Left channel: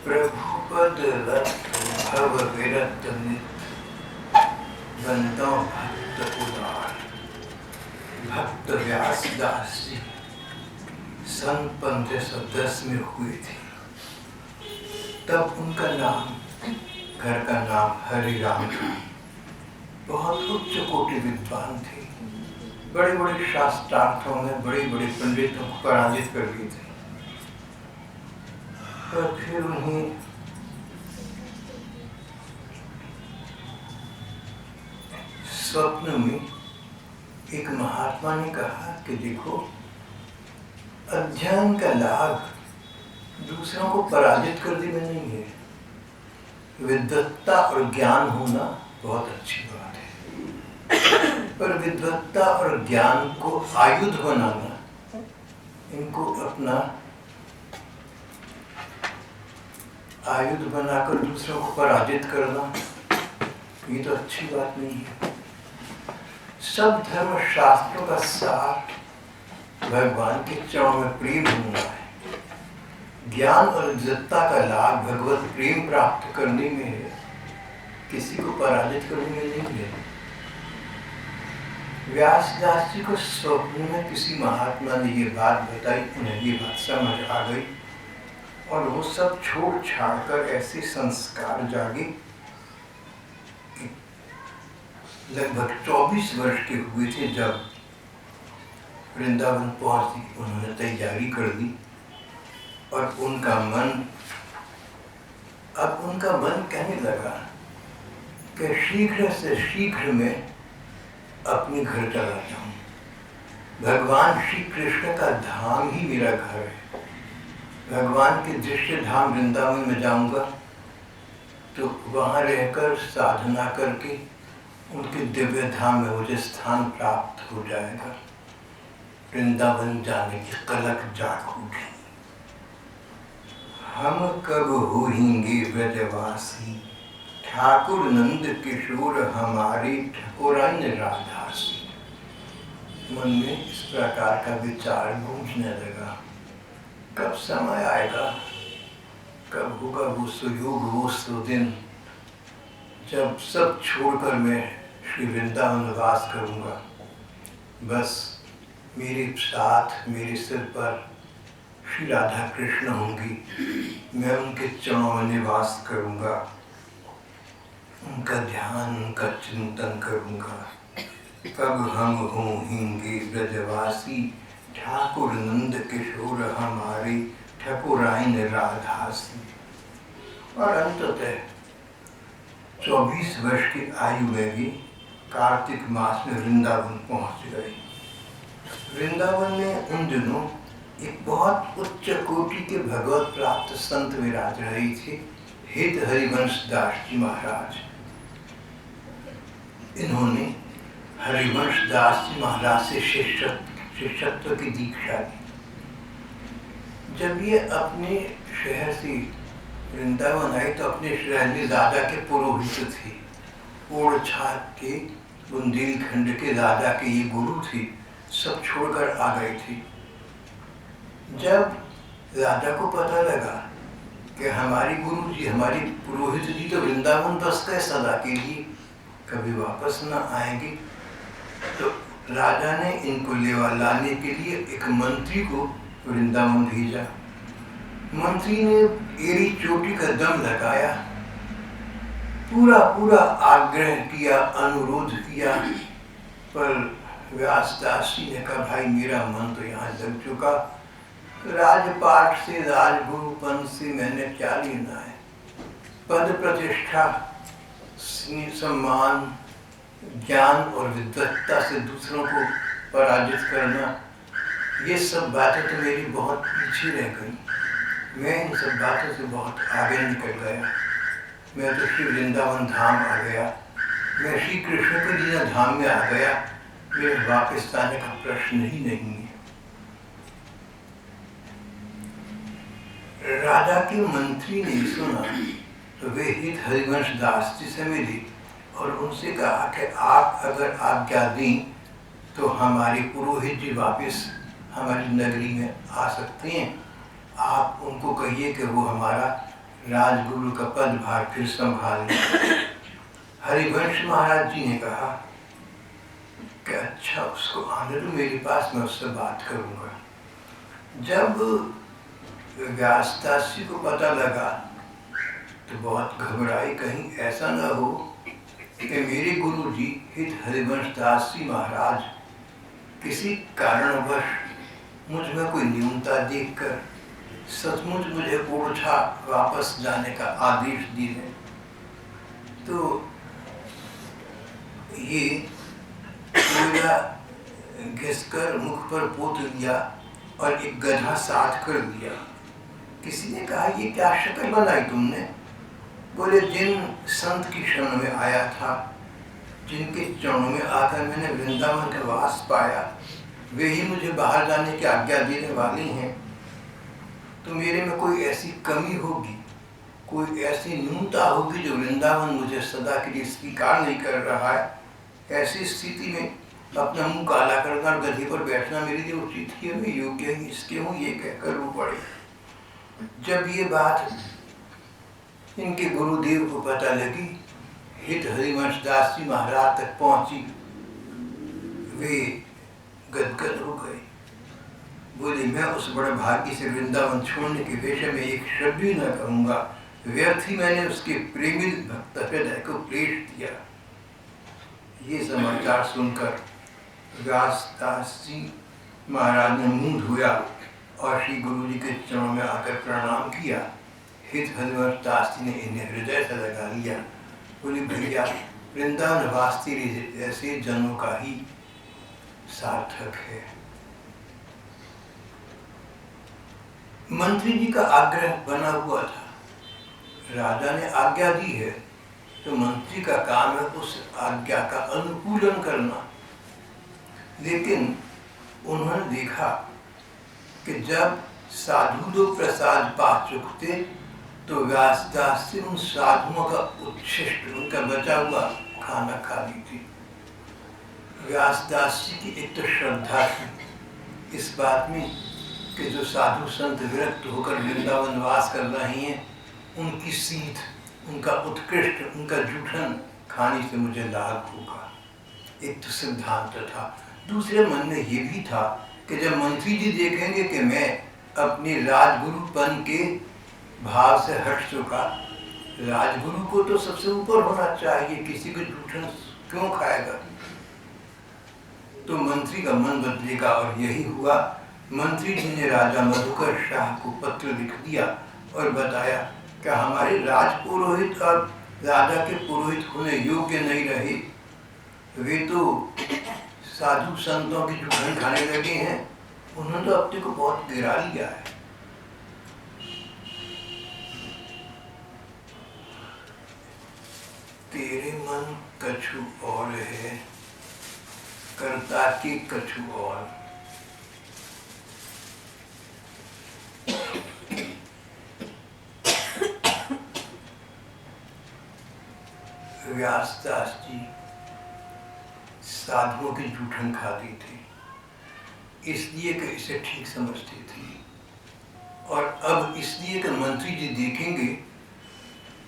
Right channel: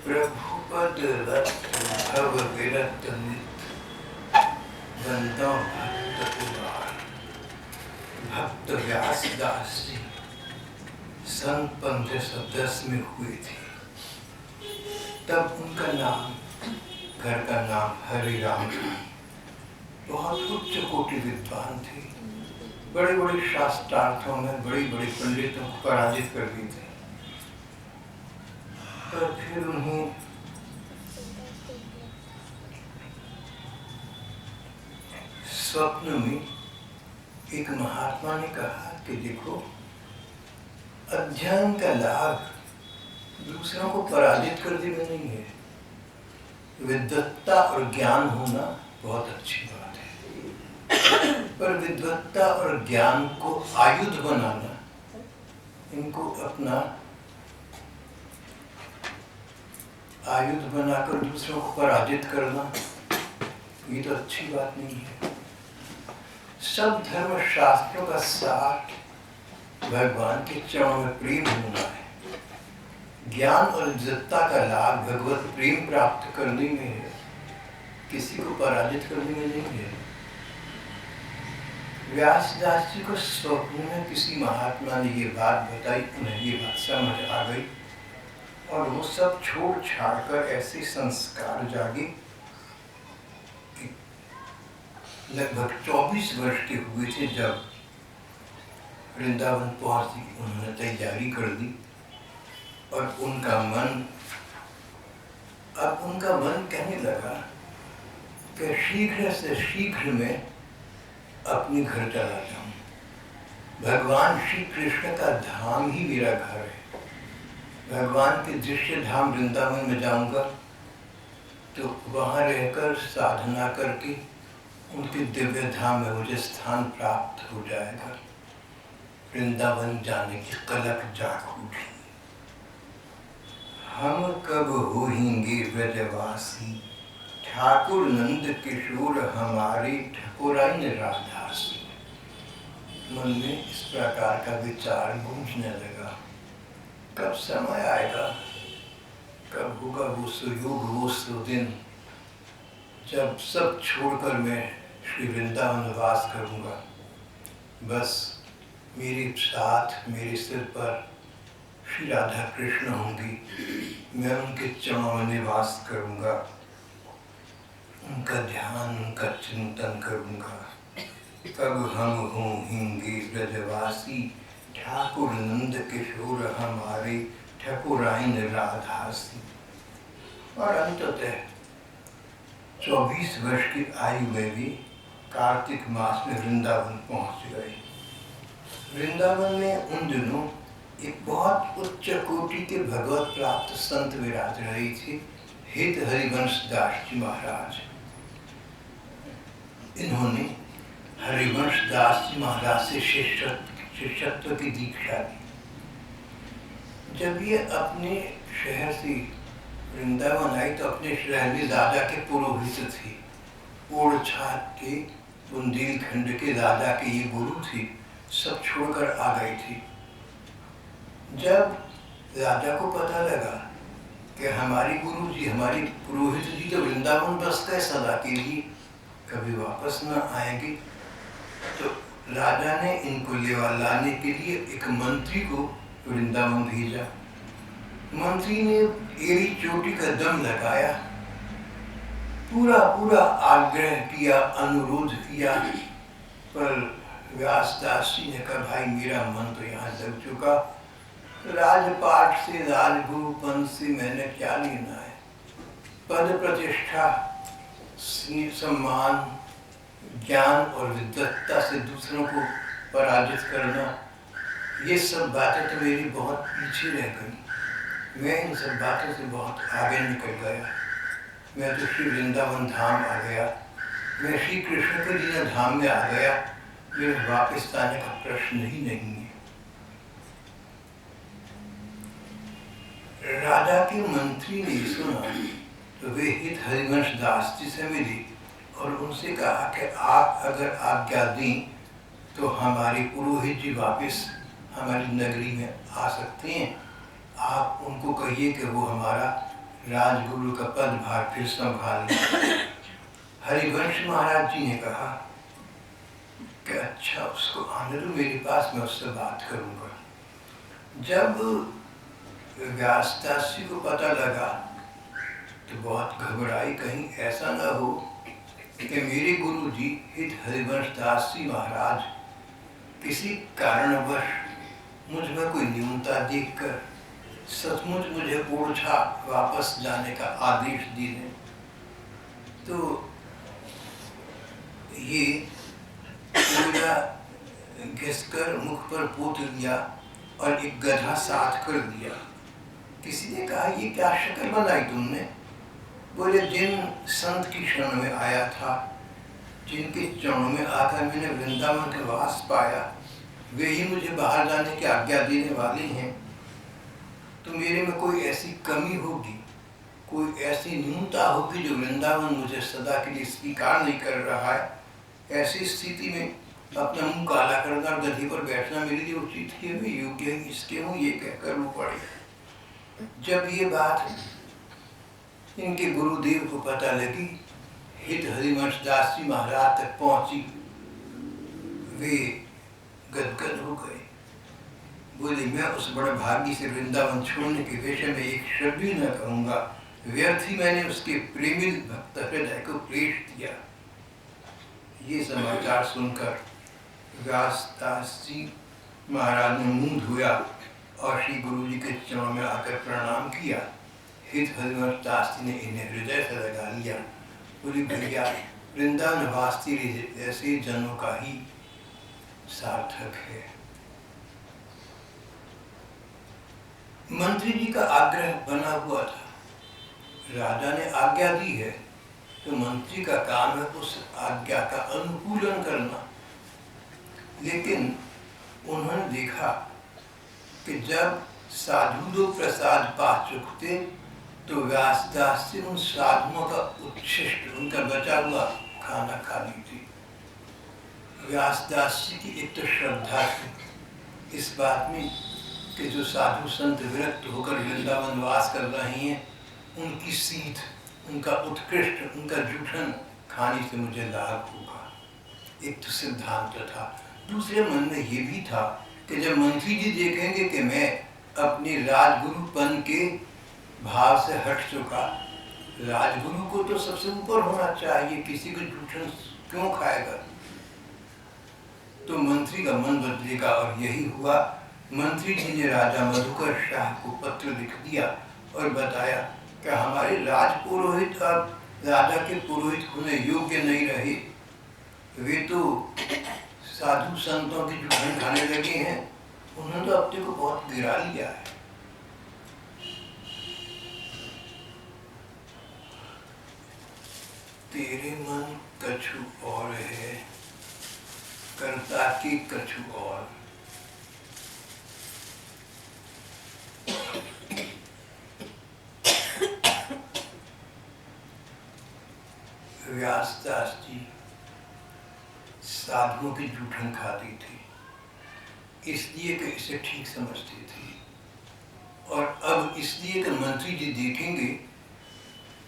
प्रभुपद रत भव विरत नित, बंदो भक्त उदार। भक्त व्यास दास जी सन 1510 में हुए थे। तब उनका नाम, घर का नाम हरिराम था। बहुत उच्च कोटि विद्वान थे। बड़े बड़े शास्त्रार्थों में बड़े बड़े पंडितों को पराजित कर दिए थे। पर फिर उन्हें स्वप्न में एक महात्मा ने कहा कि देखो, अध्ययन का लाभ दूसरों को पराजित कर देना नहीं है। विद्वत्ता और ज्ञान होना बहुत अच्छी बात है, पर विद्वत्ता और ज्ञान को आयुध बनाना, इनको अपना आयुध बनाकर दूसरों को पराजित करना, ये तो अच्छी बात नहीं है। सब धर्म शास्त्रों का सार भगवान के चरणों में प्रेम होना है। ज्ञान और विद्वत्ता का लाभ भगवत प्रेम प्राप्त करने में है, किसी को पराजित करने में नहीं है। व्यासदास जी को स्वप्न में किसी महात्मा ने ये बात बताई, उन्हें ये बात समझ आ गई और वो सब छोड़ छाड़ कर ऐसे संस्कार जागे। लगभग 24 वर्ष के हुए थे जब वृंदावन पहुंची। उन्होंने तैयारी कर दी और उनका मन कहने लगा कि शीघ्र से शीघ्र मैं अपने घर चला जाऊं। भगवान श्री कृष्ण का धाम ही मेरा घर है। भगवान के दृश्य धाम वृंदावन में जाऊंगा तो वहां रहकर साधना करके उनके दिव्य धाम में मुझे स्थान प्राप्त हो जाएगा। वृंदावन जाने की कलक जाग उठी। हम कब होएंगे ब्रजवासी, ठाकुर नंद किशोर हमारे ठकुराइन राधासी। मन में इस प्रकार का विचार गूंजने लगा। कब समय आएगा, कब होगा वो सुयोग, वो सुदिन जब सब छोड़कर मैं श्री वृंदावन वास करूंगा। बस मेरे साथ, मेरे सिर पर श्री राधा कृष्ण होंगी। मैं उनके चरणों में निवास करूंगा, उनका ध्यान, उनका चिंतन करूंगा। कब हम होंगे ब्रजवासी, ठाकुर नंद किशोर हमारे ठकुराइन राधासी। और अंततः 24 वर्ष की आयु में भी कार्तिक मास में वृंदावन पहुंच गए। वृंदावन में उन दिनों एक बहुत उच्च कोटि के भगवत प्राप्त संत विराज रहे थे, हित हरिवंश दास जी महाराज। इन्होंने हरिवंश दास जी महाराज से शिष्यत्व की दीक्षा ली। जब ये अपने शहर से वृंदावन आई तो अपने शहर में राजा के पुरोहित थे। ओरछा के बुंदेलखंड के राजा के ये गुरु थे, सब छोड़कर आ गए थे। जब राजा को पता लगा कि हमारे गुरु जी, हमारे पुरोहित जी तो वृंदावन बस गए सदा के लिए, कभी वापस न आएंगे, तो राजा ने इनको लाने के लिए एक मंत्री को वृंदावन भेजा। मंत्री ने एड़ी चोटी का दम लगाया, पूरा आग्रह किया, अनुरोध किया, पर व्यासदास जी ने कहा, भाई मेरा मन तो यहाँ लग चुका। राजपाट से, राजगुरुपन से मैंने क्या लेना है। पद प्रतिष्ठा, सम्मान, ज्ञान और विद्वत्ता से दूसरों को पराजित करना, ये सब बातें तो मेरी बहुत पीछे रह गई। मैं इन सब बातों से बहुत आगे निकल गया। मैं तो श्री वृंदावन धाम आ गया, मैं श्री कृष्ण के लीला धाम में आ गया। मेरे वापस आने का प्रश्न ही नहीं है। राजा के मंत्री ने सुना तो वे हित हरिवंश दास जी से मिले और उनसे कहा कि आप अगर आज्ञा दें तो हमारे पुरोहित जी वापस हमारी नगरी में आ सकते हैं, आप उनको कहिए कि वो हमारा राजगुरु का पदभार फिर संभालें। हरिवंश महाराज जी ने कहा कि अच्छा, उसको आने दो मेरे पास, मैं उससे बात करूंगा। जब व्यासदास जी को पता लगा तो बहुत घबराए, कहीं ऐसा न हो कि मेरे गुरु जी हित हरिवंश दास जी महाराज किसी कारणवश मुझ में कोई न्यूनता देखकर सचमुच मुझे ओरछा वापस जाने का आदेश दी दें। तो ये पूरा घिसकर मुख पर पोत लिया और एक गधा साथ कर दिया। किसी ने कहा, ये क्या शक्ल बनाई तुमने? बोले, जिन संत की शरण में आया था, जिनके चरणों में आकर मैंने वृंदावन का वास पाया, वे ही मुझे बाहर जाने की आज्ञा देने वाली हैं। तो मेरे में कोई ऐसी कमी होगी, कोई ऐसी न्यूनता होगी जो वृंदावन मुझे सदा के लिए स्वीकार नहीं कर रहा है। ऐसी स्थिति में अपना मुंह काला करना और गधे पर बैठना मेरे लिए उचित ही, मैं योग्य इसके हूँ, ये कहकर रो पड़े। जब ये बात इनके गुरुदेव को पता लगी, हित हरिवंश दास जी महाराज तक पहुंची, वे गदगद हो गए। बोले, मैं उस बड़े भाग्य से वृंदावन छोड़ने के विषय में एक शब्द भी न कहूँगा, व्यर्थ ही मैंने उसके प्रेमी भक्त हृदय को क्लेश दिया। ये समाचार सुनकर व्यासदास जी महाराज ने मुंह धोया और श्री गुरु जी के चरणों में आकर प्रणाम किया। हित हरिवंश दास जी ने इन्हें हृदय से लगा लिया। बोले, भैया, वृंदावन वास तेरे ऐसे जनों का ही सार्थक है। मंत्री जी का आग्रह बना हुआ था, राजा ने आज्ञा दी है तो मंत्री का काम है उस आज्ञा का अनुकूलन करना। लेकिन उन्होंने देखा कि जब साधु लोग प्रसाद पा चुकते तो व्यासदास जी उन साधुओं का उच्छिष्ट, उनका बचा हुआ खाना खा लेते। व्यासदास जी की एक तो श्रद्धा थी इस बात में कि जो साधु संत विरक्त होकर वृंदावन वास कर रहे हैं, उनकी सीध, उनका उत्कृष्ट, उनका जूठन खाने से मुझे लाभ होगा। एक तो सिद्धांत था। दूसरे मन में ये भी था कि जब मंत्री जी देखेंगे कि मैं अपने राजगुरुपन के भाव से हट चुका, राजगुरु को तो सबसे ऊपर होना चाहिए, किसी को जूठन क्यों खाएगा? तो मंत्री का मन बदलेगा। और यही हुआ। मंत्री जी ने राजा मधुकर शाह को पत्र लिख दिया और बताया कि हमारे राजपुरोहित अब राजा के पुरोहित होने योग्य नहीं रहे, वे तो साधु संतों की जूठन खाने लगे हैं। उन्होंने तो अपने को बहुत गिरा लिया है। तेरे मन कछु और है, करता के कछु और। व्यासदास जी साधुओं की जूठन खाती थी, इसलिए कि इसे ठीक समझती थी। और अब इसलिए कि मंत्री जी देखेंगे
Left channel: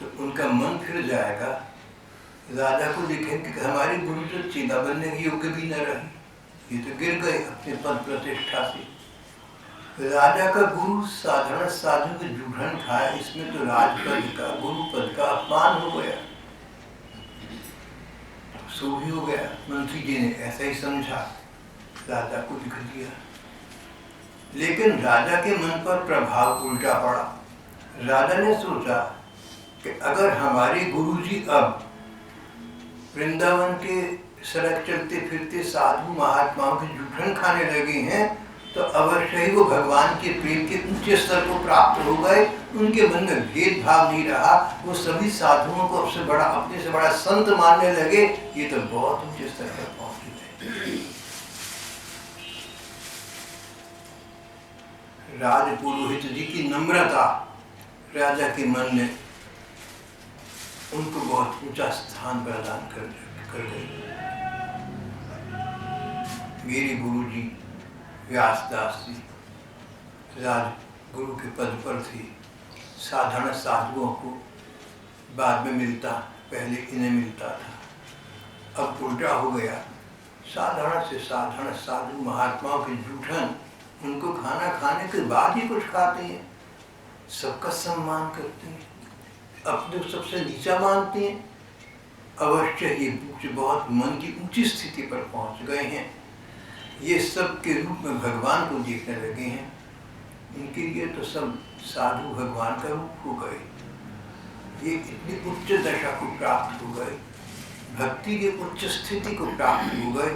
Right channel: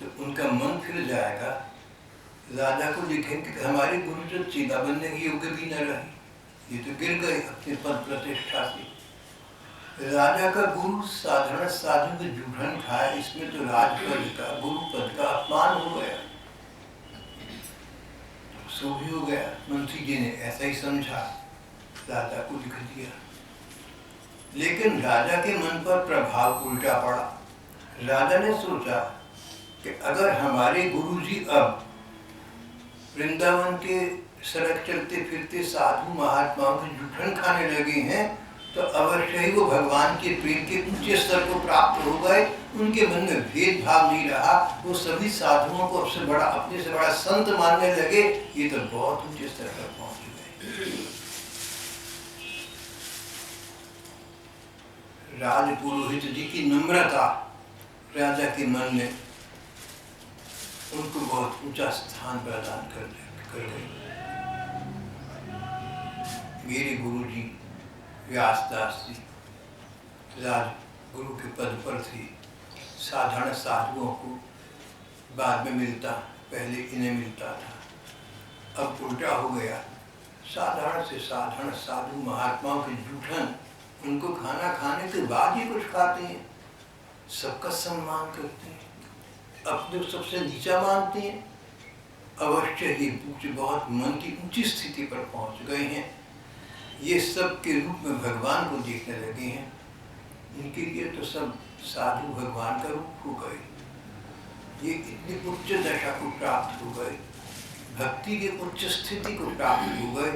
तो उनका मन फिर जाएगा। राजा को लिखेंगे कि हमारे गुरु तो चेला बनने के योग्य भी न रहे, ये तो गिर गए अपने पद प्रतिष्ठा से। राजा का गुरु साधारण साधु की जूठन खाए, इसमें तो राजपद का, गुरु पद का अपमान हो गया। सो भी हो गया। मंत्री जी ने ऐसा ही समझा, राजा को लिख दिया। लेकिन राजा के मन पर प्रभाव उल्टा पड़ा। राजा ने सोचा कि अगर हमारे गुरुजी अब वृंदावन के सड़क चलते फिरते साधु महात्माओं की जूठन खाने लगे हैं तो अवश्य ही वो भगवान के प्रेम के ऊंचे स्तर को प्राप्त हो गए। उनके मन में भेदभाव नहीं रहा, वो सभी साधुओं को अब से बड़ा, अपने से बड़ा संत मानने लगे। ये तो बहुत ऊंचे स्तर पर पहुंच गए। राजपुरोहित जी की नम्रता राजा के मन में उनको बहुत ऊंचा स्थान प्रदान कर गई। मेरे गुरुजी व्यासदास जी राजगुरु के पद पर थे। साधारण साधुओं को बाद में मिलता, पहले इन्हें मिलता था। अब उल्टा हो गया, साधारण से साधारण साधु महात्माओं के जूठन उनको खाना खाने के बाद ही कुछ खाते हैं, सबका सम्मान करते हैं, अपने सबसे नीचा मानते हैं। अवश्य ये बहुत मन की ऊंची स्थिति पर पहुंच गए हैं। ये सब के रूप में भगवान को देखने लगे हैं। इनके लिए तो सब साधु भगवान का रूप हो गए। ये इतनी उच्च दशा को प्राप्त हो गए, भक्ति की उच्च स्थिति को प्राप्त हो गए।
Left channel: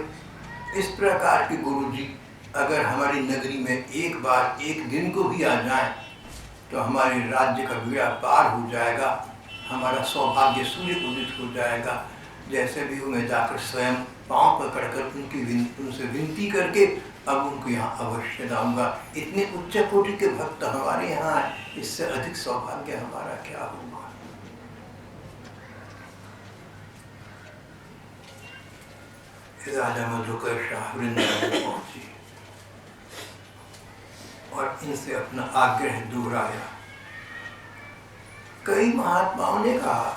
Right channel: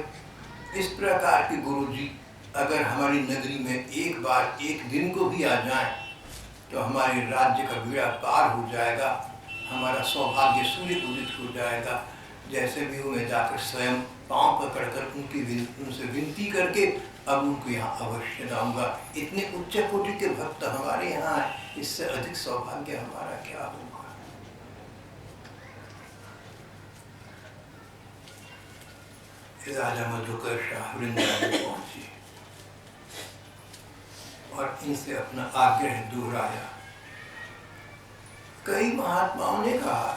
इस प्रकार के गुरु जी अगर हमारी नगरी में एक बार एक दिन को भी आ जाएं, तो हमारे राज्य का बेड़ा पार हो जाएगा, हमारा सौभाग्य सूर्य उदित हो जाएगा। जैसे भी हो मैं जाकर स्वयं पांव पकड़कर उनसे विनती करके अब उनको यहाँ अवश्य लाऊंगा। इतने उच्च कोटि के भक्त हमारे यहाँ हैं, इससे अधिक सौभाग्य हमारा क्या होगा। राजा मधुकर शाह वृंदावन पहुंचे और इनसे अपना आग्रह दोहराया। कई महात्माओं ने कहा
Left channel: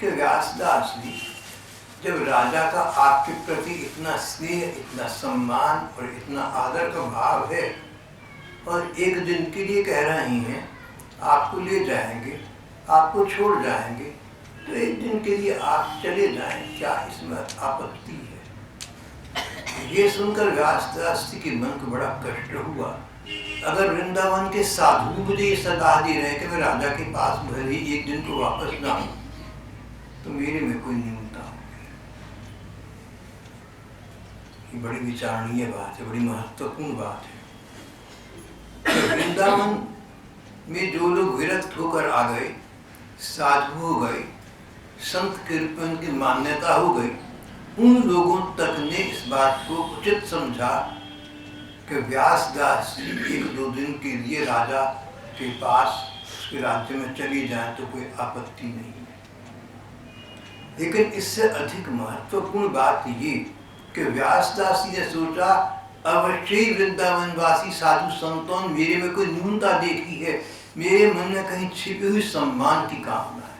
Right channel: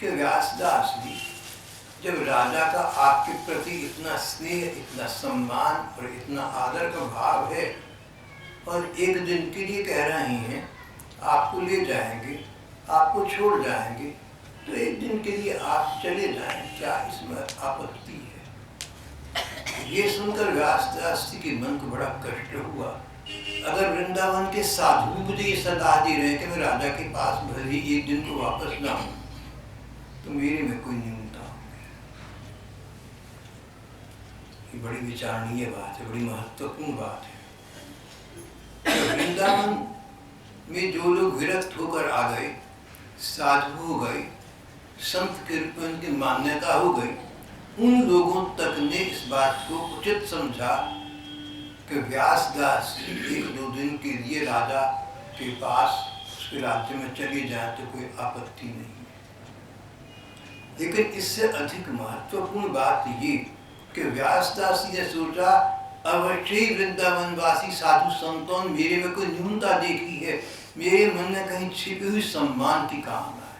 कि व्यासदास जी, जब राजा का आपके प्रति इतना स्नेह, इतना सम्मान और इतना आदर का भाव है और एक दिन के लिए कह रहे हैं आपको ले जाएंगे, आपको छोड़ जाएंगे, तो एक दिन के लिए आप चले जाएं, क्या इसमें आपत्ति है। ये सुनकर व्यासदास जी के मन को बड़ा कष्ट हुआ। अगर वृंदावन के साधु मुझे ये सलाह दे रहे हैं कि मैं राजा के पास भले ही एक दिन को वापस ना आऊं, तो मेरे में कोई न्यूनता होगी। ये बड़ी विचारणीय बात है, बड़ी महत्वपूर्ण बात है। तो वृंदावन में जो लोग विरक्त होकर आ गए, साधु हो गए, संत के रूप में उनकी मान्यता हो गई, उन लोगों तक ने इस बात को उचित समझा कि व्यासदास जी एक दो दिन के लिए राजा के पास उसके राज्य में चले जाएं तो कोई आपत्ति नहीं है। लेकिन इससे अधिक महत्वपूर्ण बात ये कि व्यासदास जी ने सोचा अवश्य ही वृंदावनवासी साधु संतों ने मेरे में कोई न्यूनता देखी है, मेरे मन में कहीं छिपी हुई सम्मान की कामना है,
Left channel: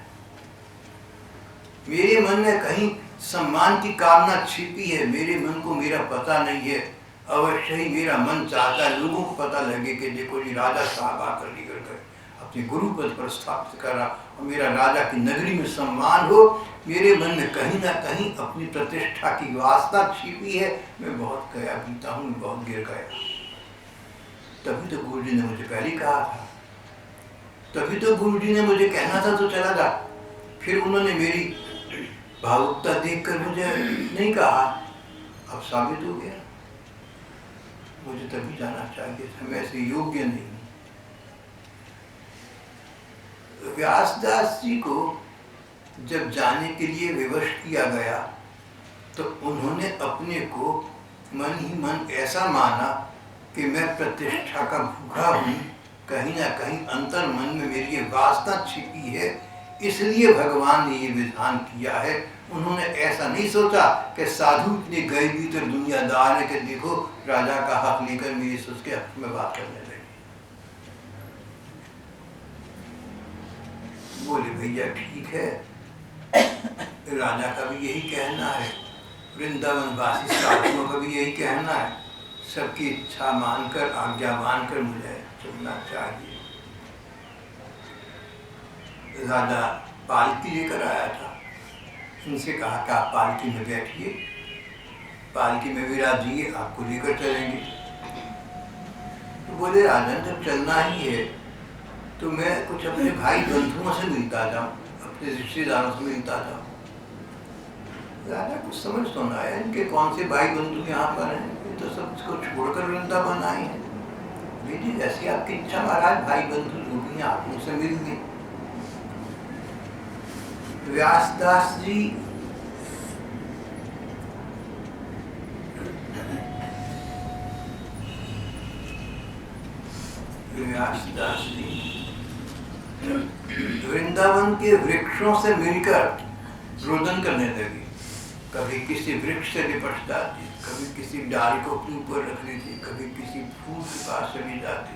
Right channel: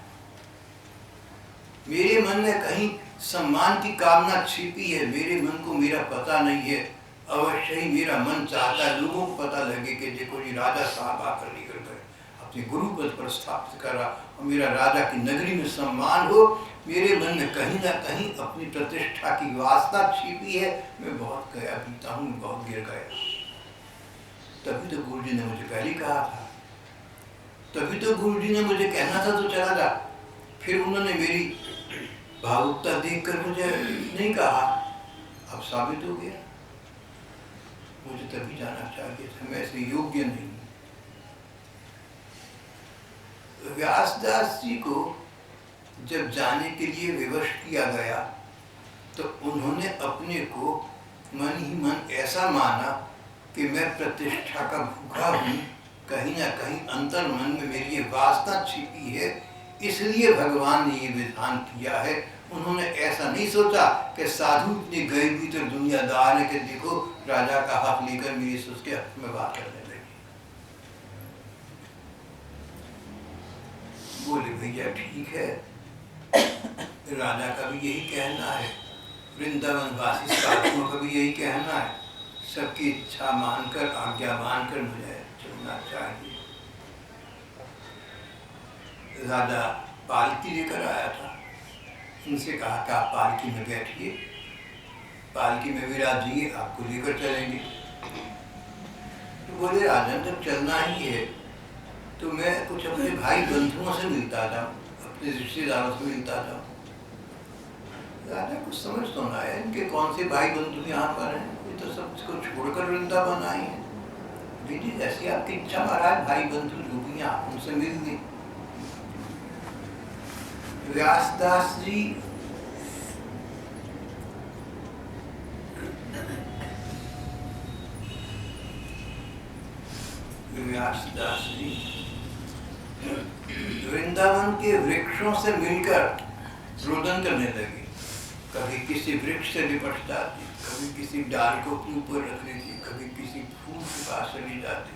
मेरे मन में कहीं सम्मान की कामना छिपी है, मेरे मन को मेरा पता नहीं है। अवश्य ही मेरा मन चाहता है लोगों को पता लगे कि देखो जी राजा साहब आकर लेकर गए, अपने गुरु पद पर स्थापित करा और मेरा राजा की नगरी में सम्मान हो। मेरे मन में कहीं ना कहीं अपनी प्रतिष्ठा की वासना छिपी है, मैं बहुत गया बीता हूँ, मैं बहुत गिर गया। तभी तो गुरु जी ने मुझे पहले कहा था, तभी तो गुरु जी ने मुझे कहना था तो चला जा। फिर उन्होंने मेरी भावुकता देखकर मुझे नहीं कहा, अब साबित हो गया मुझे तभी जाना चाहिए था, मैं ऐसे योग्य नहीं हूँ। व्यासदास जी को जब जाने के लिए विवश किया गया तो उन्होंने अपने को मन ही मन ऐसा माना कि मैं प्रतिष्ठा का भूखा हूँ, कहीं ना कहीं अंतर मन में मेरी ये वासना छिपी है, इसलिए भगवान ने ये विधान किया है। उन्होंने ऐसा नहीं सोचा कि साधु इतने गए भीतर दुनियादार है कि देखो राजा का हक लेकर मेरे से उसके हक में बात करने लगे। बोले भैया ठीक है, राजा का भी यही कहना है, वृंदावनवासी साधुओं का भी यही कहना है, सबकी इच्छा मानकर आज्ञा मानकर मुझे चलना चाहिए। राजा पालकी लेकर आया था, इनसे कहा कि आप पालकी में बैठिए, पालकी में विराजिए, आपको लेकर चलेंगे। तो बोले राजन जब चलना ही है तो मैं कुछ अपने भाई बंधुओं से मिलता जाऊँ, अपने रिश्तेदारों से मिलता जाऊँ। राजा कुछ समझ तो ना आया, इनके कौन से भाई बंधु यहाँ पर हैं, ये तो सब इसको छोड़कर वृंदावन आए हैं। बेटी जैसी आपकी इच्छा महाराज, भाई बंधु जो भी हैं आप उनसे मिल लें। व्यासदास जी वृंदावन के वृक्षों से मिलकर रोदन करने लगे, कभी किसी वृक्ष से लिपट जाती, कभी किसी डाल को अपने ऊपर रख लेती, कभी किसी फूल के पास चली जाती,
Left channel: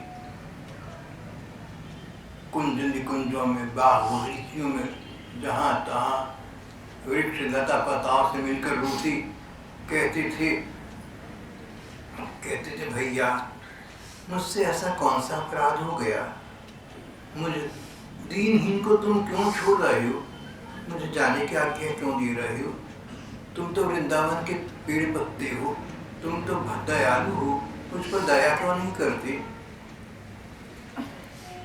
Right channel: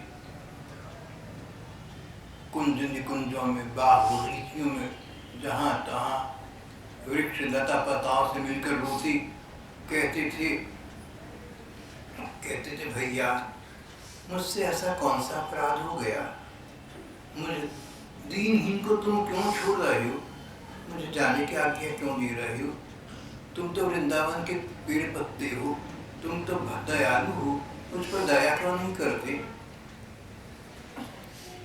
कुंज निकुंजों में, बाग बगीचियों में, जहाँ तहाँ वृक्ष लता पताओं से मिलकर रोती। कहते थे भैया मुझसे ऐसा कौन सा अपराध हो गया, मुझे दीनहीन को तुम क्यों छोड़ रहे हो, मुझे जाने की आज्ञा क्यों दे रहे हो, तुम तो वृंदावन के पेड़ पत्ते हो, तुम तो दयालु हो, मुझ पर दया क्यों नहीं करते,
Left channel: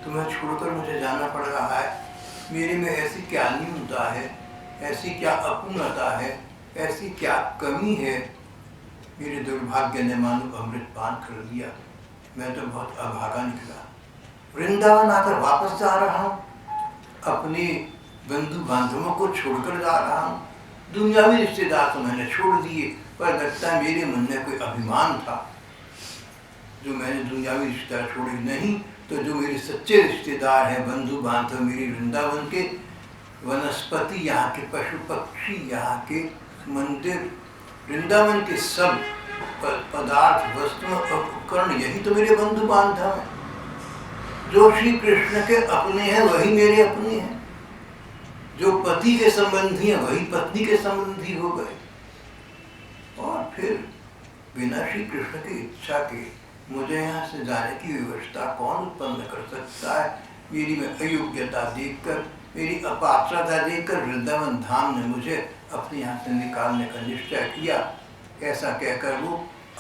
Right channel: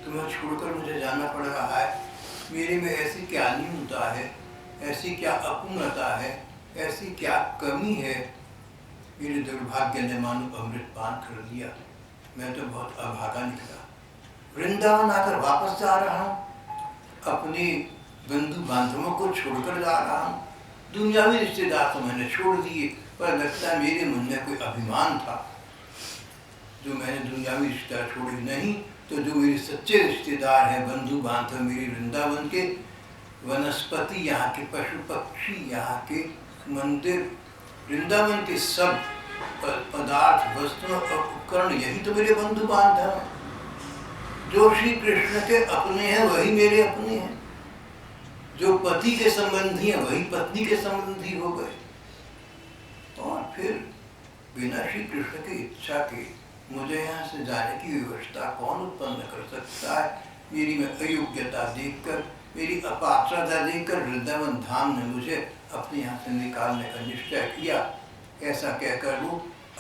तुम्हें छोड़कर मुझे जाना पड़ रहा है, मेरे में ऐसी क्या न्यूनता है, ऐसी क्या अपूर्णता है, ऐसी क्या कमी है, मेरे दुर्भाग्य ने मानो अमृत पान कर दिया, मैं तो बहुत अभागा निकला, वृंदावन आकर वापस जा रहा हूँ, अपने बंधु बांधवों को छोड़कर जा रहा हूँ, दुनियावी रिश्तेदार तो मैंने छोड़ दिए, पर लगता है मेरे मन में कोई अभिमान था जो मैंने दुनियावी रिश्तेदार छोड़े नहीं, तो जो मेरे सच्चे रिश्तेदार हैं, बंधु बांधव, मेरे वृंदावन के वनस्पति, यहाँ के पशु पक्षी, यहाँ के मंदिर, वृंदावन के सब पदार्थ, वस्तुएं और उपकरण, यही तो मेरे बंधु बांधव हैं। जो श्री कृष्ण के अपने हैं वही मेरे अपने हैं, जो पति के संबंधी हैं वही पत्नी के संबंधी हो गए। और फिर बिना श्री कृष्ण की इच्छा के मुझे यहाँ से जाने की व्यवस्था कौन उत्पन्न कर सकता है। मेरी में अयोग्यता देखकर, मेरी अपात्रता देखकर वृंदावन धाम ने मुझे अपने यहाँ से निकालने का निश्चय किया। ऐसा कहकर वो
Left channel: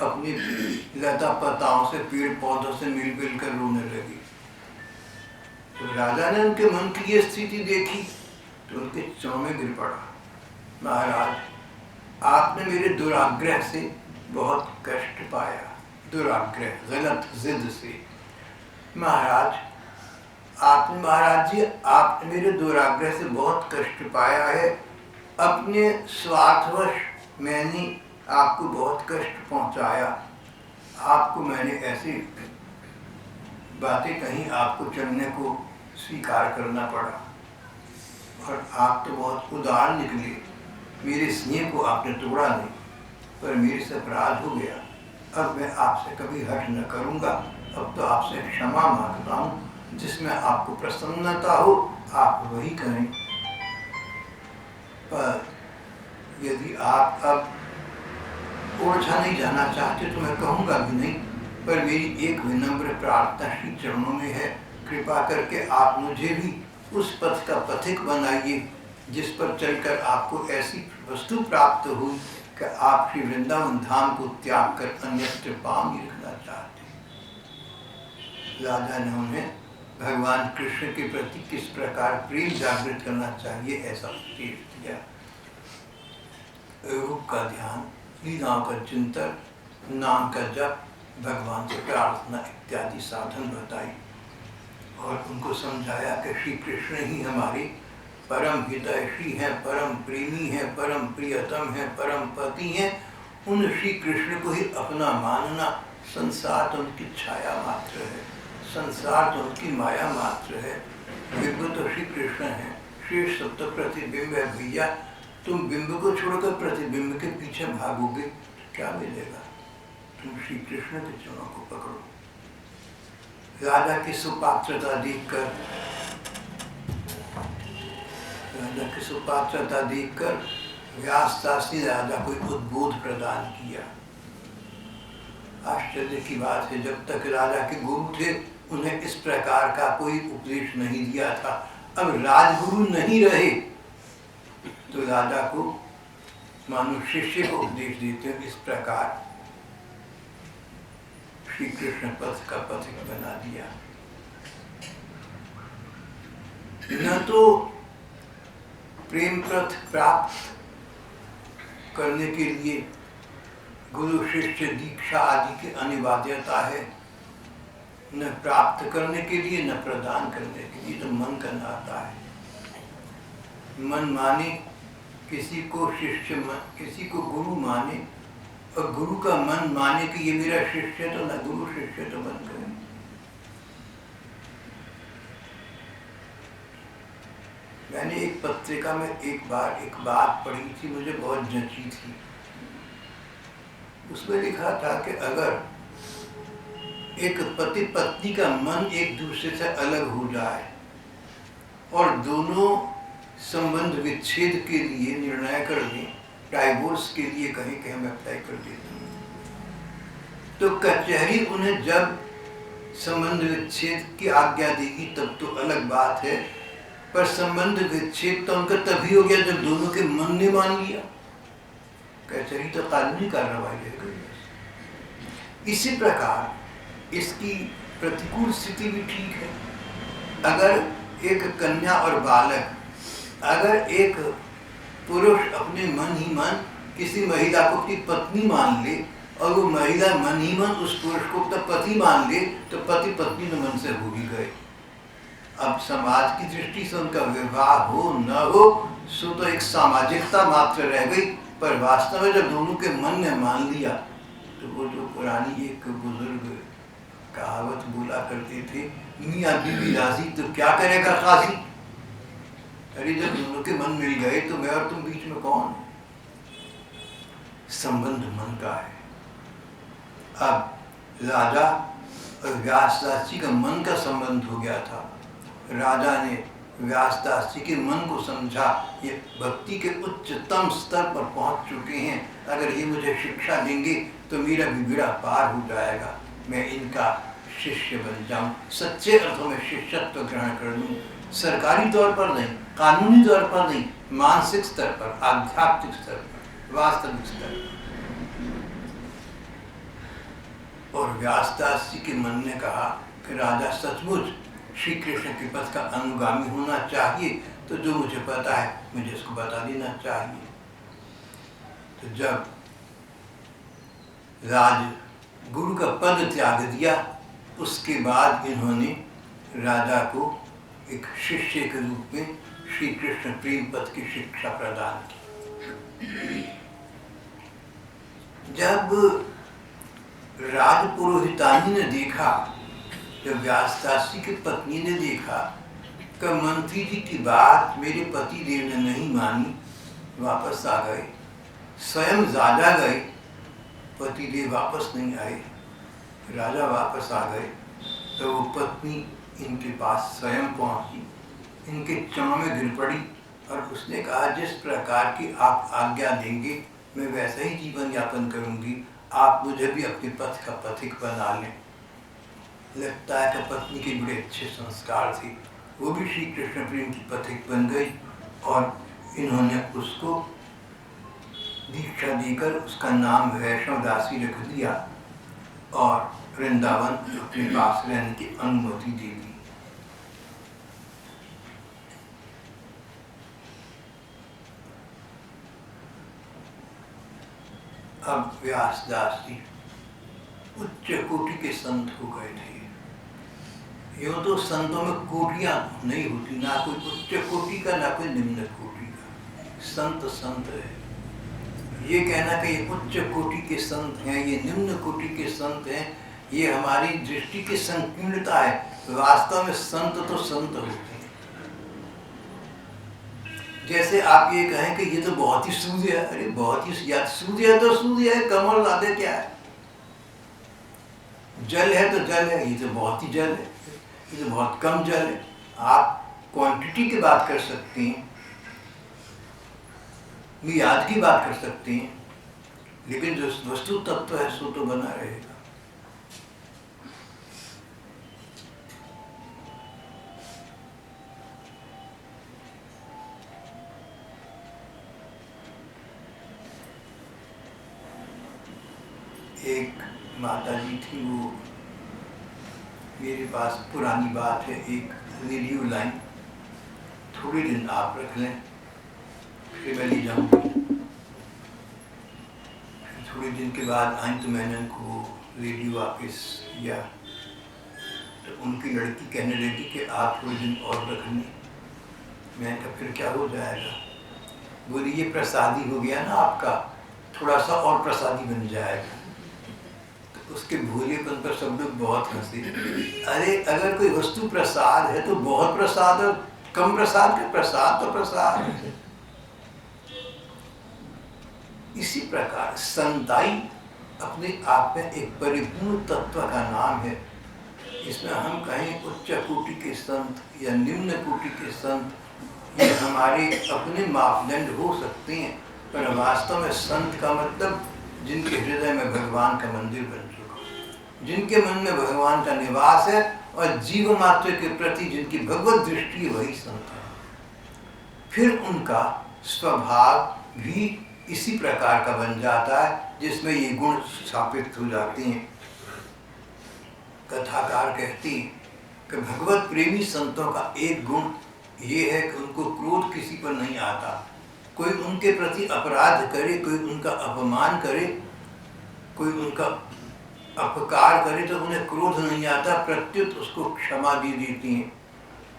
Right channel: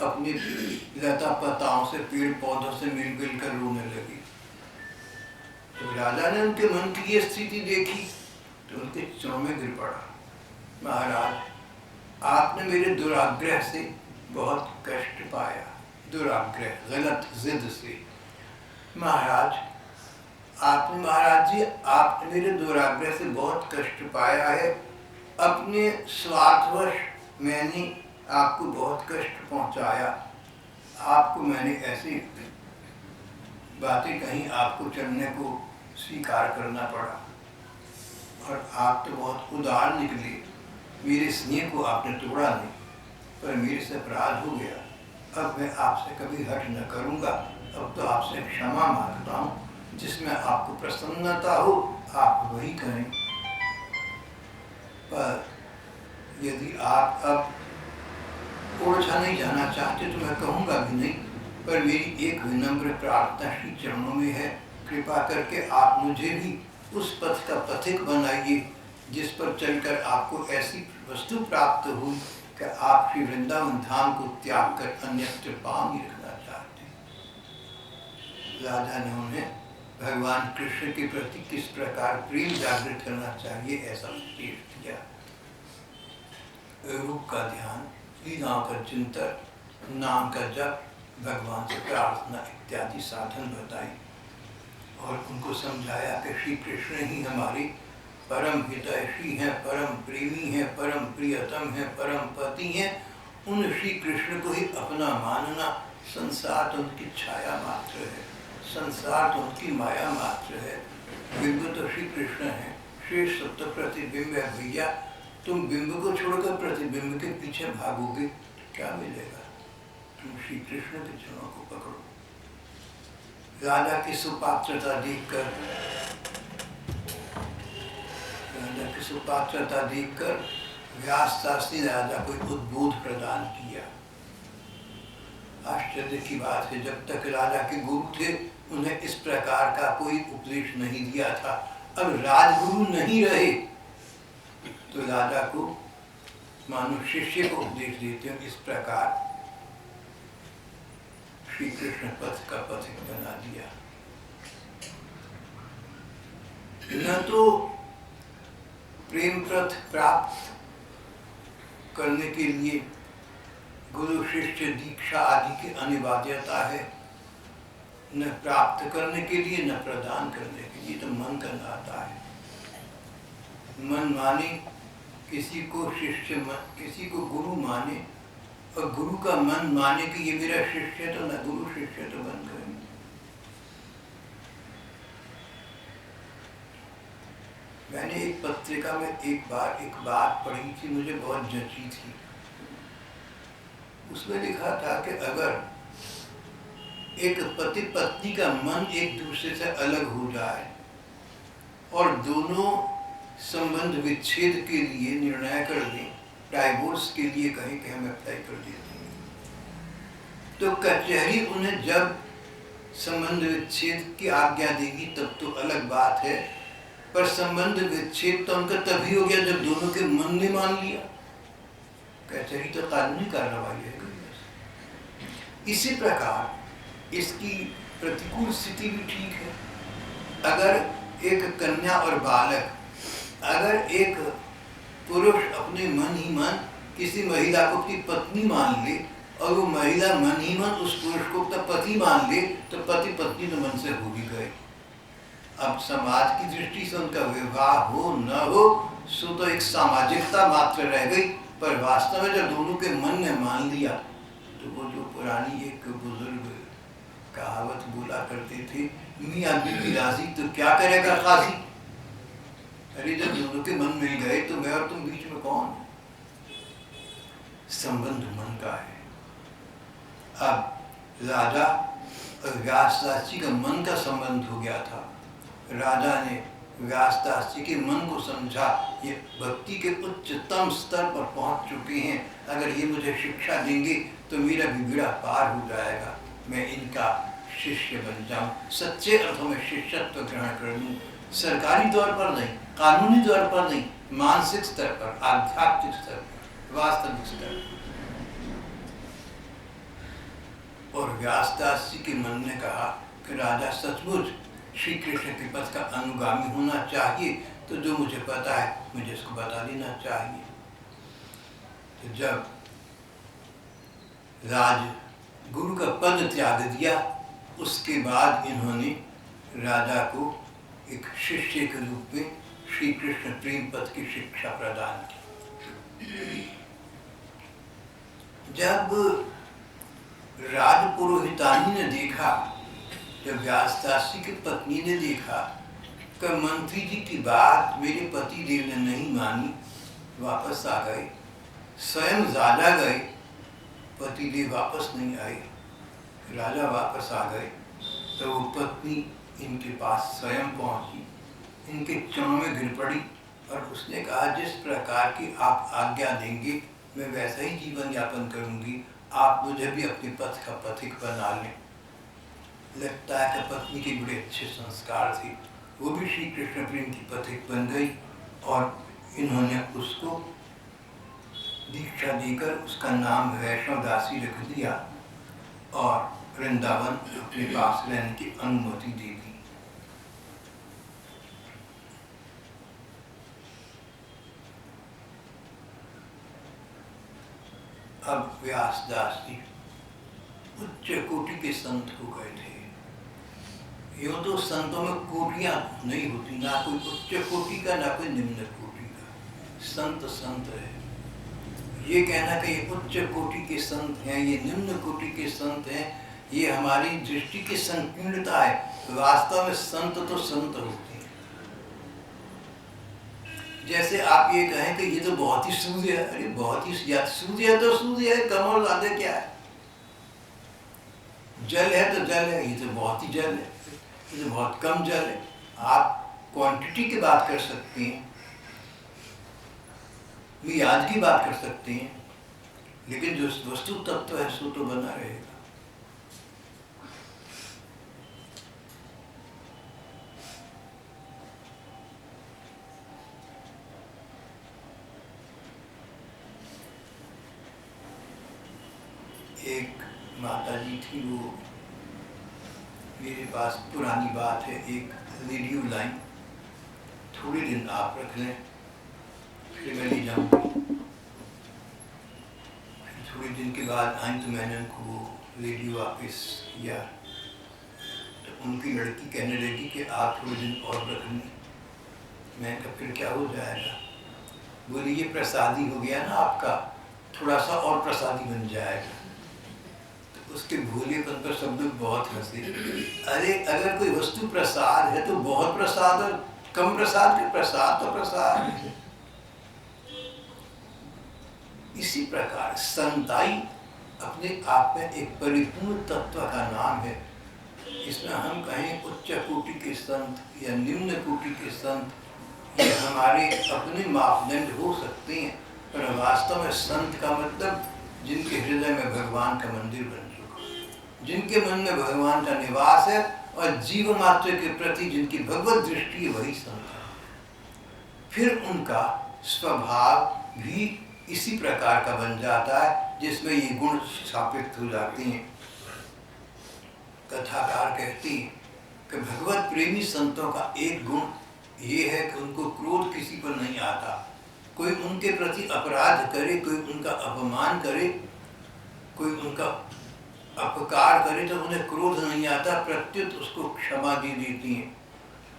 अपनी लता पताओं से, पेड़ पौधों से मिल कर रोने लगी। तो राजा ने उनके मन की ये स्थिति देखी तो उनके चौं में गिर पड़ा, महाराज आपने मेरे दुराग्रह से बहुत कष्ट पाया, दुराग्रह, गलत जिद से। महाराज जी आपने मेरे दुराग्रह से बहुत कष्ट पाया है, अपने स्वार्थवश मैंने आपको बहुत कष्ट पहुंचाया, आपको मैंने ऐसी बातें कहीं, आपको चलने को स्वीकार करना पड़ा, और आप तो बहुत उदार निकले, मेरे स्नेह को आपने तोड़ा नहीं, पर मेरे से अपराध हो गया, अब मैं आपसे कभी हट न करूँगा, अब तो आपसे क्षमा मांगता हूँ, जिसमें आपको प्रसन्नता हो आप वही करें। पर यदि आप अब ओरछा नहीं जाना चाहते तो मैं कहूँगा भी नहीं, पर मेरी एक विनम्र प्रार्थना श्री चरणों में है, कृपा करके आप मुझे भी उस पथ का पथिक बनाइए जिस पर चलकर आपको ऐसी वस्तु प्राप्त हो कि आप श्री वृंदावन धाम को त्याग कर अन्यत्र पाँव नहीं रखना चाहते। राजा ने उन्हें भगवान कृष्ण के प्रति किस प्रकार प्रेम जागृत करना चाहिए ऐसा उपदेश दिया। रूप का ध्यान, लीलाओं का चिंतन, नाम का जप, भगवान से प्रार्थना इत्यादि साधन बताई, और उनको समझाया कि श्री कृष्ण ही हमारे परम हितैषी हैं, परम प्रेमी हैं, परम प्रियतम हैं, परम पति हैं। उन श्री कृष्ण को ही अपना मानना, संसार तो उनकी छाया मात्र है, संसार तो उनकी माया मात्र है, बिंब तो श्री कृष्ण है, शेष सब तो प्रतिबिंब है। भैया तुम बिंब को छोड़कर प्रतिबिंब के पीछे भागोगे तो क्या मिलेगा, तुम श्री कृष्ण के चरणों को पकड़ो। राजा की सुपात्रता देखकर व्यास शास्त्री राजा को उद्बोध प्रदान किया। आश्चर्य की बात है, जब तक राजा के गुरु थे उन्हें इस प्रकार का कोई उपदेश नहीं दिया था, अब राजगुरु नहीं रहे तो राजा को मानो शिष्य को उपदेश देते हैं। इस प्रकार श्री कृष्ण पथ का पथिक बना दिया। न तो प्रेम पथ प्राप्त करने के लिए गुरु शिष्य दीक्षा आदि की अनिवार्यता है, न प्राप्त करने के लिए, न प्रदान करने के लिए, तो मन का नाता है। मन माने किसी को शिष्य, किसी को गुरु माने, और गुरु का मन माने कि ये मेरा शिष्य, तो न गुरु शिष्य तो बन गए। मैंने एक पत्रिका में एक बार एक बात पढ़ी थी, मुझे बहुत जंची थी। उसमें लिखा था कि अगर एक पति पत्नी का मन एक दूसरे से अलग हो जाए और दोनों संबंध विच्छेद के लिए निर्णय कर दें, डाइवोर्स के लिए कहें कि हम अप्लाई कर देते हैं, तो कचहरी उन्हें जब संबंध विच्छेद की आज्ञा देगी तब तो अलग बात है, पर संबंध विच्छेद तो उनका तभी हो गया जब दोनों के मन ने मान लिया। कचहरी तो कानूनी कार्रवाई रह गई। इसी प्रकार इसकी प्रतिकूल स्थिति भी ठीक है। अगर एक कन्या और बालक, अगर एक पुरुष अपने मन ही मन किसी महिला को अपनी पत्नी मान ले और वो महिला मन ही मन उस पुरुष को अपना पति मान ले, तो पति पत्नी तो मन से हो ही गए। अब समाज की दृष्टि से उनका विवाह हो न हो सो तो एक सामाजिकता मात्र रह गई, पर वास्तव में जब दोनों के मन ने मान लिया तो वो जो पुरानी एक बुजुर्ग कहावत बोला करते थे, मियाँ बीवी राजी तो क्या करेगा काजी। अरे जब दोनों के मन मिल गए तो मैं और तुम बीच में कौन है? संबंध मन का है। अब राजा और व्यासदास जी का मन का संबंध हो गया था। राजा ने व्यासदास जी के मन को समझा, ये भक्ति के उच्चतम स्तर पर पहुंच चुके हैं, अगर ये मुझे शिक्षा देंगे तो मेरा भी बेड़ा पार हो जाएगा, मैं इनका शिष्य बन जाऊं, सच्चे अर्थों में शिष्यत्व ग्रहण कर लूं, सरकारी तौर पर नहीं, कानूनी तौर पर नहीं, मानसिक स्तर पर, आध्यात्मिक स्तर पर, वास्तविक स्तर पर। और व्यासदास जी के मन ने कहा कि राजा सचमुच श्री कृष्ण के पथ का अनुगामी होना चाहिए, तो जो मुझे पता है मुझे इसको बता देना चाहिए। तो जब राज गुरु का पद त्याग दिया, उसके बाद इन्होंने राजा को एक शिष्य के रूप में श्री कृष्ण प्रेम पथ की शिक्षा प्रदान की। जब राजपुरोहितानी ने देखा, जब व्यासदास जी की पत्नी ने देखा कि मंत्री जी की बात मेरे पति देव ने नहीं मानी, वापस आ गए, स्वयं राजा गए, पति देव वापस नहीं आए, राजा वापस आ गए, तो वो पत्नी इनके पास स्वयं पहुंची, इनके चरणों में गिर पड़ी और उसने कहा, जिस प्रकार की आप आज्ञा देंगे मैं वैसा ही जीवन यापन करूंगी, आप मुझे भी अपने पथ का पथिक बना लें। लगता है कि पत्नी के बड़े अच्छे संस्कार थे, वो भी श्री कृष्ण प्रेम की पथिक बन गई और इन्होंने उसको दीक्षा देकर उसका नाम वैष्णव दासी रख दिया और वृंदावन अपने पास रहने की अनुमति दे दी। अब व्यासदास जी उच्च कोटि के संत हो गए थे। यूँ तो संतों में कोटियाँ नहीं होती, ना कोई उच्च कोटि का ना कोई निम्न कोटि का। संत संत है। ये कहना कि ये उच्च कोटि के संत हैं, ये निम्न कोटि के संत हैं, ये हमारी दृष्टि की संकीर्णता है। वास्तव में संत तो संत होते हैं। जैसे आप ये कहें कि ये तो बहुत ही सूर्य है, अरे बहुत ही सूर्य है तो सूर्य है, कमल आदि क्या है? जल है तो जल है, ये तो बहुत ही जल है, ये तो बहुत कम जल है। आप क्वांटिटी की बात कर सकते हैं, मियाद की बात कर सकते हैं, लेकिन जो वस्तु तत्व है सो तो बना रहेगा। एक माता जी थी, वो मेरे पास पुरानी बात है, एक रेडियो लाइन, थोड़े दिन आप रख लें फिर मैं ले जाऊँगी। थोड़े दिन के बाद आई तो मैंने उनको वो रेडियो वापस किया, तो उनकी लड़की कहने लगी कि आप थोड़े दिन और रख लें। मैंने कहा फिर क्या हो जाएगा? बोली ये प्रसादी हो गया ना आपका, थोड़ा सा और प्रसादी बन जाएगा। तो उसके भोलेपन पर सब लोग बहुत हंसे। अरे अगर कोई वस्तु प्रसाद है तो बहुत प्रसाद और कम प्रसाद के प्रसाद तो प्रसाद है। इसी प्रकार संताई अपने आप में एक परिपूर्ण तत्व का नाम है। इसमें हम कहें उच्च कोटि के संत या निम्न कोटि के संत, ये हमारे अपने मापदंड हो सकते हैं, पर वास्तव में संत का मतलब जिनके हृदय में भगवान का मंदिर बन चुका, जिनके मन में भगवान का निवास है और जीव मात्र के प्रति जिनकी भगवत दृष्टि है, वही संत है। फिर उनका स्वभाव भी इसी प्रकार का बन जाता है जिसमें ये गुण स्थापित हो जाते हैं। कथाकार कहती कि भगवत प्रेमी संतों का एक गुण ये है कि उनको क्रोध किसी पर नहीं आता। कोई उनके प्रति अपराध करे, कोई उनका अपमान करे, कोई उनका अपकार करे तो उन्हें क्रोध नहीं आता, प्रत्युत उसको क्षमा दे देती हैं।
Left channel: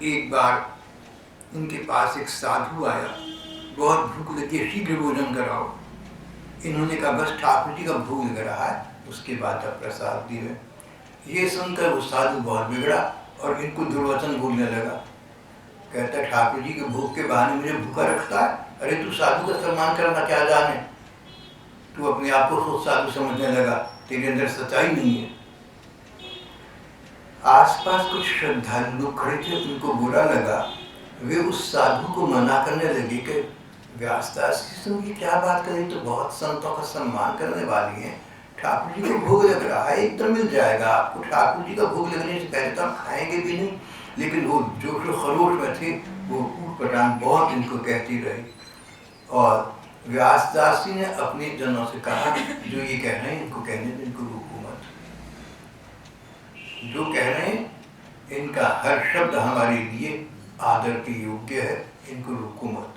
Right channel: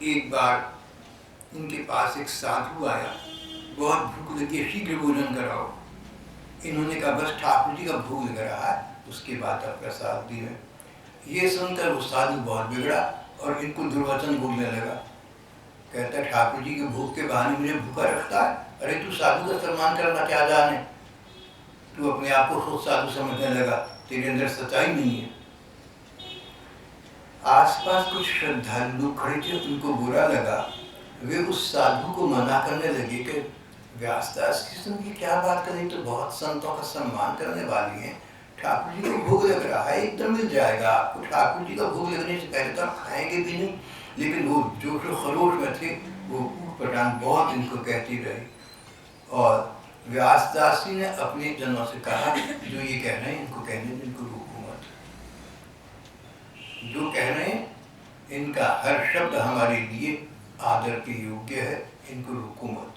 एक बार इनके पास एक साधु आया, बहुत भूख लगी है, शीघ्र भोजन कराओ। इन्होंने कहा बस ठाकुर जी का भोग लग रहा है, उसके बाद अब प्रसाद दिए। ये सुनकर वो साधु बहुत बिगड़ा और इनको दुर्वचन बोलने लगा। कहता है ठाकुर जी के भोग के बहाने मुझे भूखा रखता है। अरे तू साधु का सम्मान करना क्या जाने, तू अपने आप को खुद साधु समझने लगा, तेरे अंदर सच्चाई नहीं है। आसपास कुछ श्रद्धालु लोग खड़े थे, उनको बुरा लगा। वे उस साधु को मना करने लगे कि व्यासदास तुम ये क्या बात करें, तो बहुत संतों का सम्मान करने वाली हैं, ठाकुर जी का भोग लग रहा है, एकदम मिल जाएगा आपको। ठाकुर जी का भोग लगने से पहले तो आप खाएंगे भी नहीं। लेकिन वो जोश खरोश में थे, वो ऊट पटांग बहुत इनको कहती रही। और व्यासदास जी ने अपने जनों से कहा जो ये कह रहे हैं इनको कहने दो, इनको रोको मत। जो कह रहे हैं इनका हर शब्द हमारे लिए आदर के योग्य है, इनको रोको मत।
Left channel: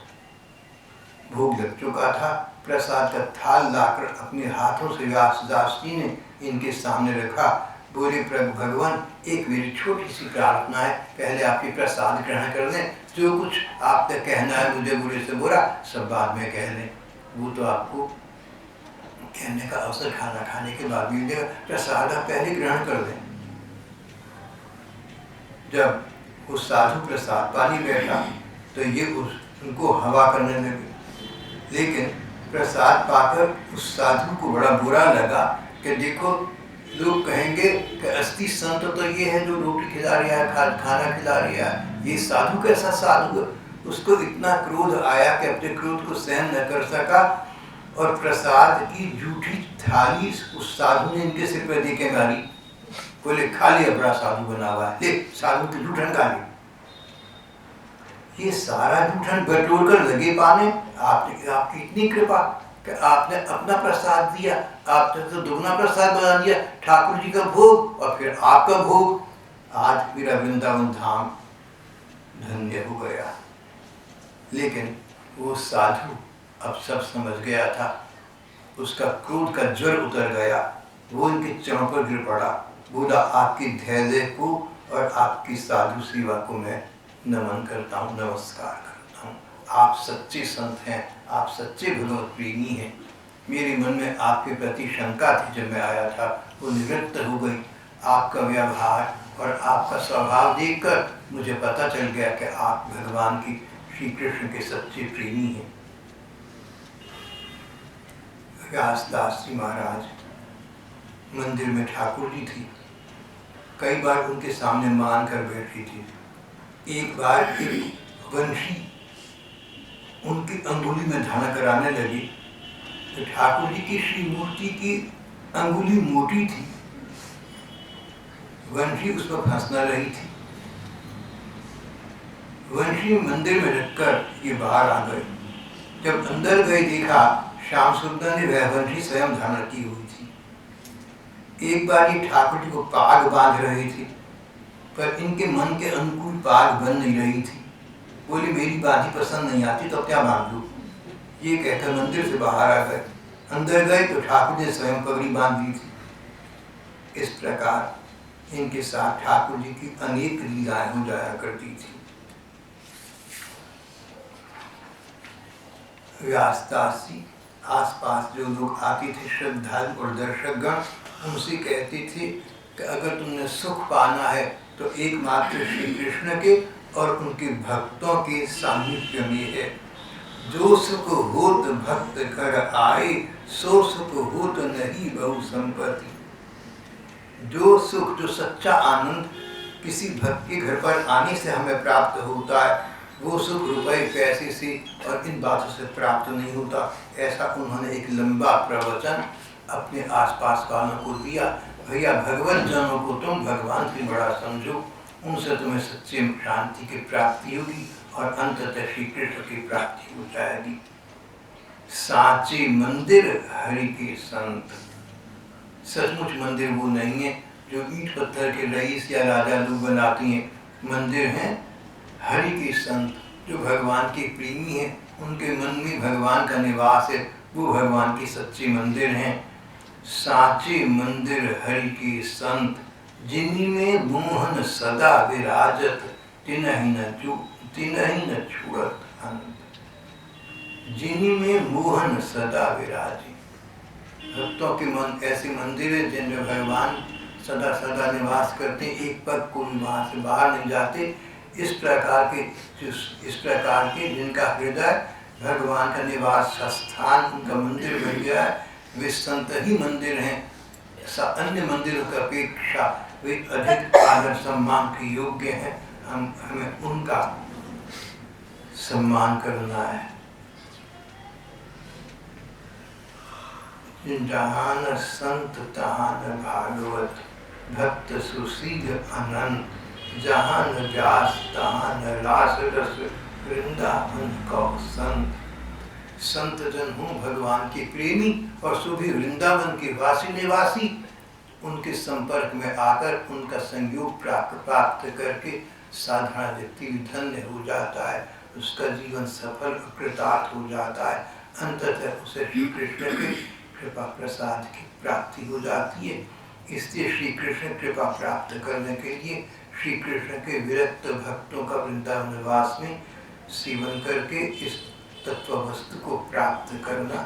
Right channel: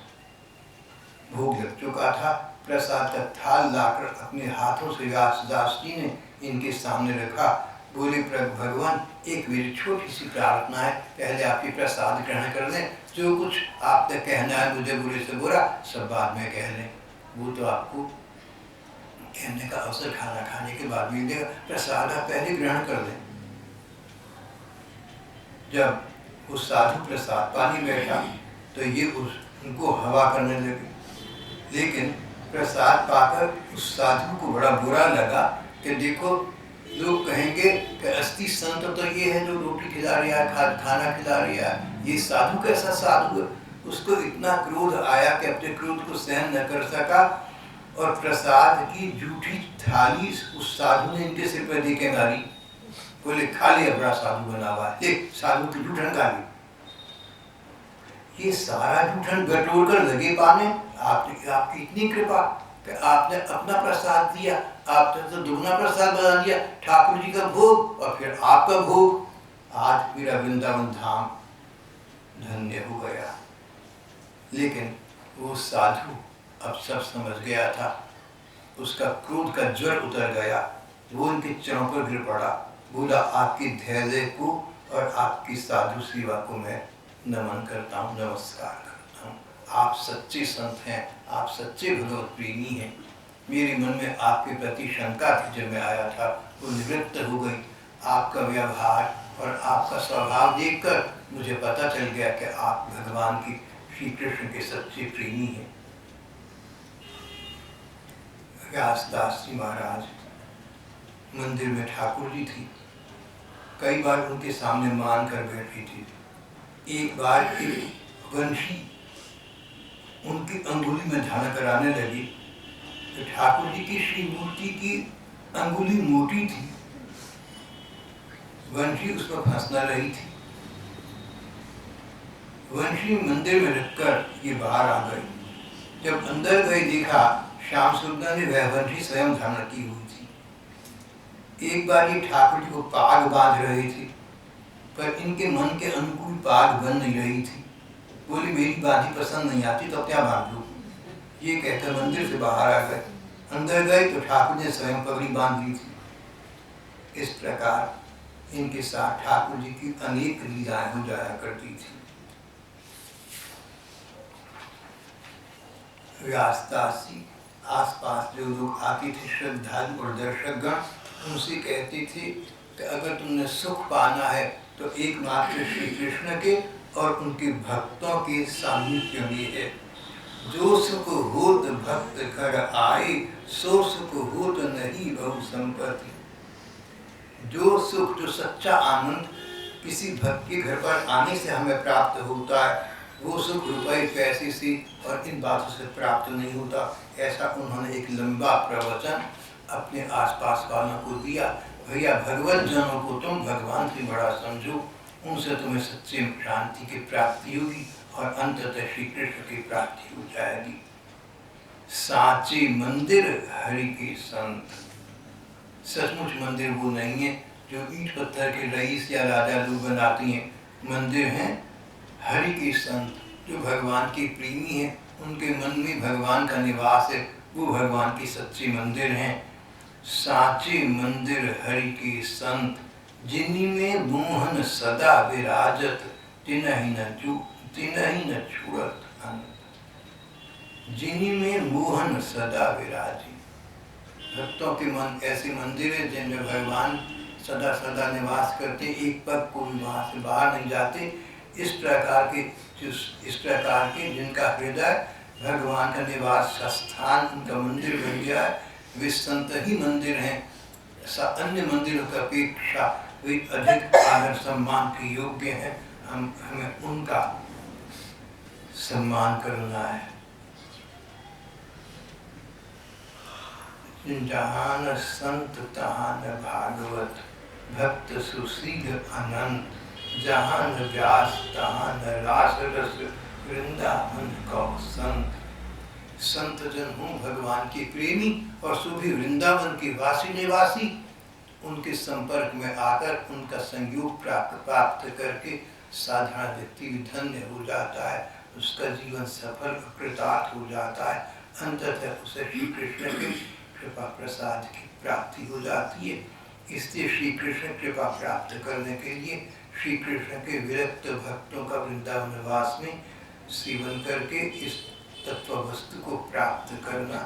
भोग लग चुका था, प्रसाद का थाल लाकर अपने हाथों से व्यासदास जी ने इनके सामने रखा। बोले भगवान एक मेरी छोटी सी प्रार्थना है, पहले आप ये प्रसाद ग्रहण कर लें, जो कुछ आपने कहना है मुझे बुरे से बुरा सब बाद में कह लें। वो तो आपको कहने का अवसर खाना खाने के बाद मिल जाएगा, प्रसाद आप पहले ग्रहण कर लें। जब वो साधु प्रसाद पानी बैठा तो ये उनको हवा करने लगे। लेकिन प्रसाद पाकर उस साधु को बड़ा बुरा लगा कि देखो लोग कहेंगे कि असली संत तो ये है जो रोटी खिला रहा है, खाना खिला रहा है, ये साधु कैसा साधु है। उसको इतना क्रोध आया कि अपने क्रोध को सहन न कर सका और प्रसाद की जूठी थाली उस साधु ने इनके सिर पर दे के मारी। बोले खा लिया, बड़ा साधु बना हुआ है, ले साधु की जूठन खा ली। ये सारा जूठन बटोर कर लगे पाने, आपकी इतनी कृपा कि आपने अपना प्रसाद दिया, आपने तो दुगना प्रसाद बना दिया, ठाकुर जी का भोग और फिर आपका भोग। आज मेरा वृंदावन धाम धन्य हो गया। लेकिन वो साधु अब सब समझ गया था, उसका क्रोध का ज्वर उतर गया, वो इनके चरणों पर गिर पड़ा, बोला आपकी धैर्य को और आपकी साधु सेवा को मैं नमन करता हूँ, नमस्कार करता हूँ। आप सच्चे संत हैं, आप सच्चे भगवत प्रेमी हैं। मेरे मन में आपके प्रति शंका थी, जब मैं आया था वो निवृत्त हो गई। आपका व्यवहार और आपका स्वभाव देखकर मुझे पता चल गया कि आप भगवान की श्री कृष्ण के सच्चे प्रेमी हैं। व्यासदास जी महाराज मंदिर में ठाकुर जी थी, कई बार उनके सामने मान कर बैठी थी। एक बार एक वंशी उनकी अंगुली में धारण कराने लगी तो ठाकुर जी की श्री मूर्ति की अंगुली मोटी थी, वंशी उस पर फंस न रही थी। वंशी मंदिर में रखकर ये बाहर आ गए। जब अंदर गए देखा श्याम सुंदर ने वह वंशी स्वयं धारण की हुई थी। एक बार ये ठाकुर जी को पाग बांध रहे थे, पर इनके मन के अनुकूल पाग बन नहीं रही थी। बोली मेरी बाधी पसंद नहीं आती तो क्या बांध लूं। ये कहकर मंदिर से बाहर आ गए। अंदर गए तो ठाकुर ने स्वयं पगड़ी बांध ली थी। इस प्रकार इनके साथ ठाकुर जी की अनेक लीलाएं हो जाया करती थी। व्यासदास जी आसपास जो लोग आते थे श्रद्धालु और दर्शकगण, उनसे कहते थे कि अगर तुमने सुख पाना है तो एकमात्र श्री कृष्ण के और उनके भक्तों के सामीप्य में है। जो सुख होत भक्त घर आए, सो सुख होत नहीं बहु संपत्ति। जो सुख, जो सच्चा आनंद किसी भक्त के घर पर आने से हमें प्राप्त होता है, वो सुख रुपए पैसे से और इन बातों से प्राप्त नहीं होता। ऐसा उन्होंने एक लंबा प्रवचन अपने आसपास वालों को दिया। भैया, भगवत जनों को तुम भगवान से बड़ा समझो, उनसे तुम्हें सच्चे शांति की प्राप्ति होगी और अंततः श्री कृष्ण की प्राप्ति हो जाएगी। साचे मंदिर हरि के संत। सचमुच मंदिर वो नहीं है जो ईंट पत्थर के रईस या राजा लोग बनाती हैं। मंदिर हैं हरि के संत, जो भगवान के प्रेमी हैं, उनके मन में भगवान का निवास है, वो भगवान के सच्चे मंदिर हैं। साचे मंदिर हरि के संत, जिन्हीं में मोहन सदा विराजत, तिनहि न छूड़त अंत। जिन्हीं में मोहन सदा विराजे। भक्तों के मन ऐसे मंदिर है जिनमें भगवान सदा सदा निवास करते, एक पग को भी वहाँ से बाहर नहीं जाते। इस प्रकार के जिनका हृदय भगवान का निवास स्थान, उनका मंदिर बन गया है, वे संत ही मंदिर हैं। अन्य मंदिरों की अपेक्षा वे अधिक आदर सम्मान के योग्य हैं। हमें उनका सम्मान करना है। जहाँ न संत तहाँ न भागवत, भक्त सुशील अनंत। जहाँ न व्यास तहाँ न रास रस, वृंदावन कौ संत। संत जन हूँ भगवान के प्रेमी और सुभी वृंदावन के वासी निवासी। उनके संपर्क में आकर उनका संयोग प्राप्त करके साधारण व्यक्ति धन्य हो जाता है, उसका जीवन सफल कृतार्थ हो जाता है। अंततः उसे श्री कृष्ण के कृपा प्रसाद की प्राप्ति हो जाती है। इसलिए श्री कृष्ण कृपा प्राप्त करने के लिए श्री कृष्ण के विरक्त भक्तों का वृंदावन निवास में सेवन करके इस तत्व वस्तु को प्राप्त करना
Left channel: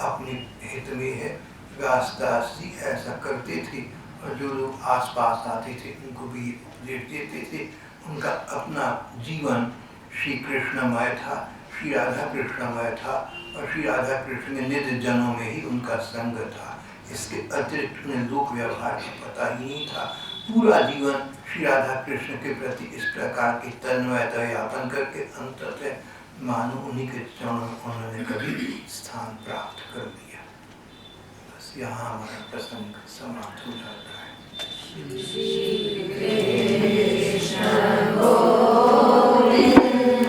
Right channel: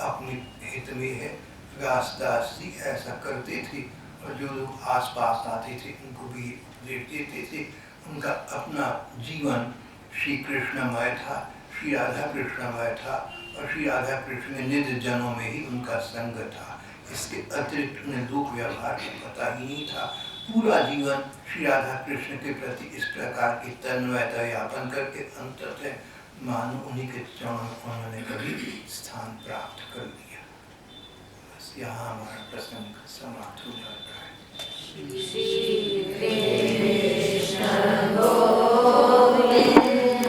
अपने हित में है। व्यासदास जी ऐसा करते थे और जो लोग आसपास आते थे उनको भी उपदेश देते थे। उनका अपना जीवन श्री कृष्णमय था, श्री राधा कृष्णमय था और श्री राधा कृष्ण में निज जनों में ही उनका संग था। इसके अतिरिक्त उन्हें लोक व्यवहार का पता ही नहीं था। पूरा जीवन श्री राधा कृष्ण के प्रति इस प्रकार की तन्मयता यापन करके अंततः मानो उन्हीं के चरणों में उन्होंने कभी स्थान प्राप्त कर लिया। बस यहाँ हमारा प्रसंग समाप्त हो जाता है।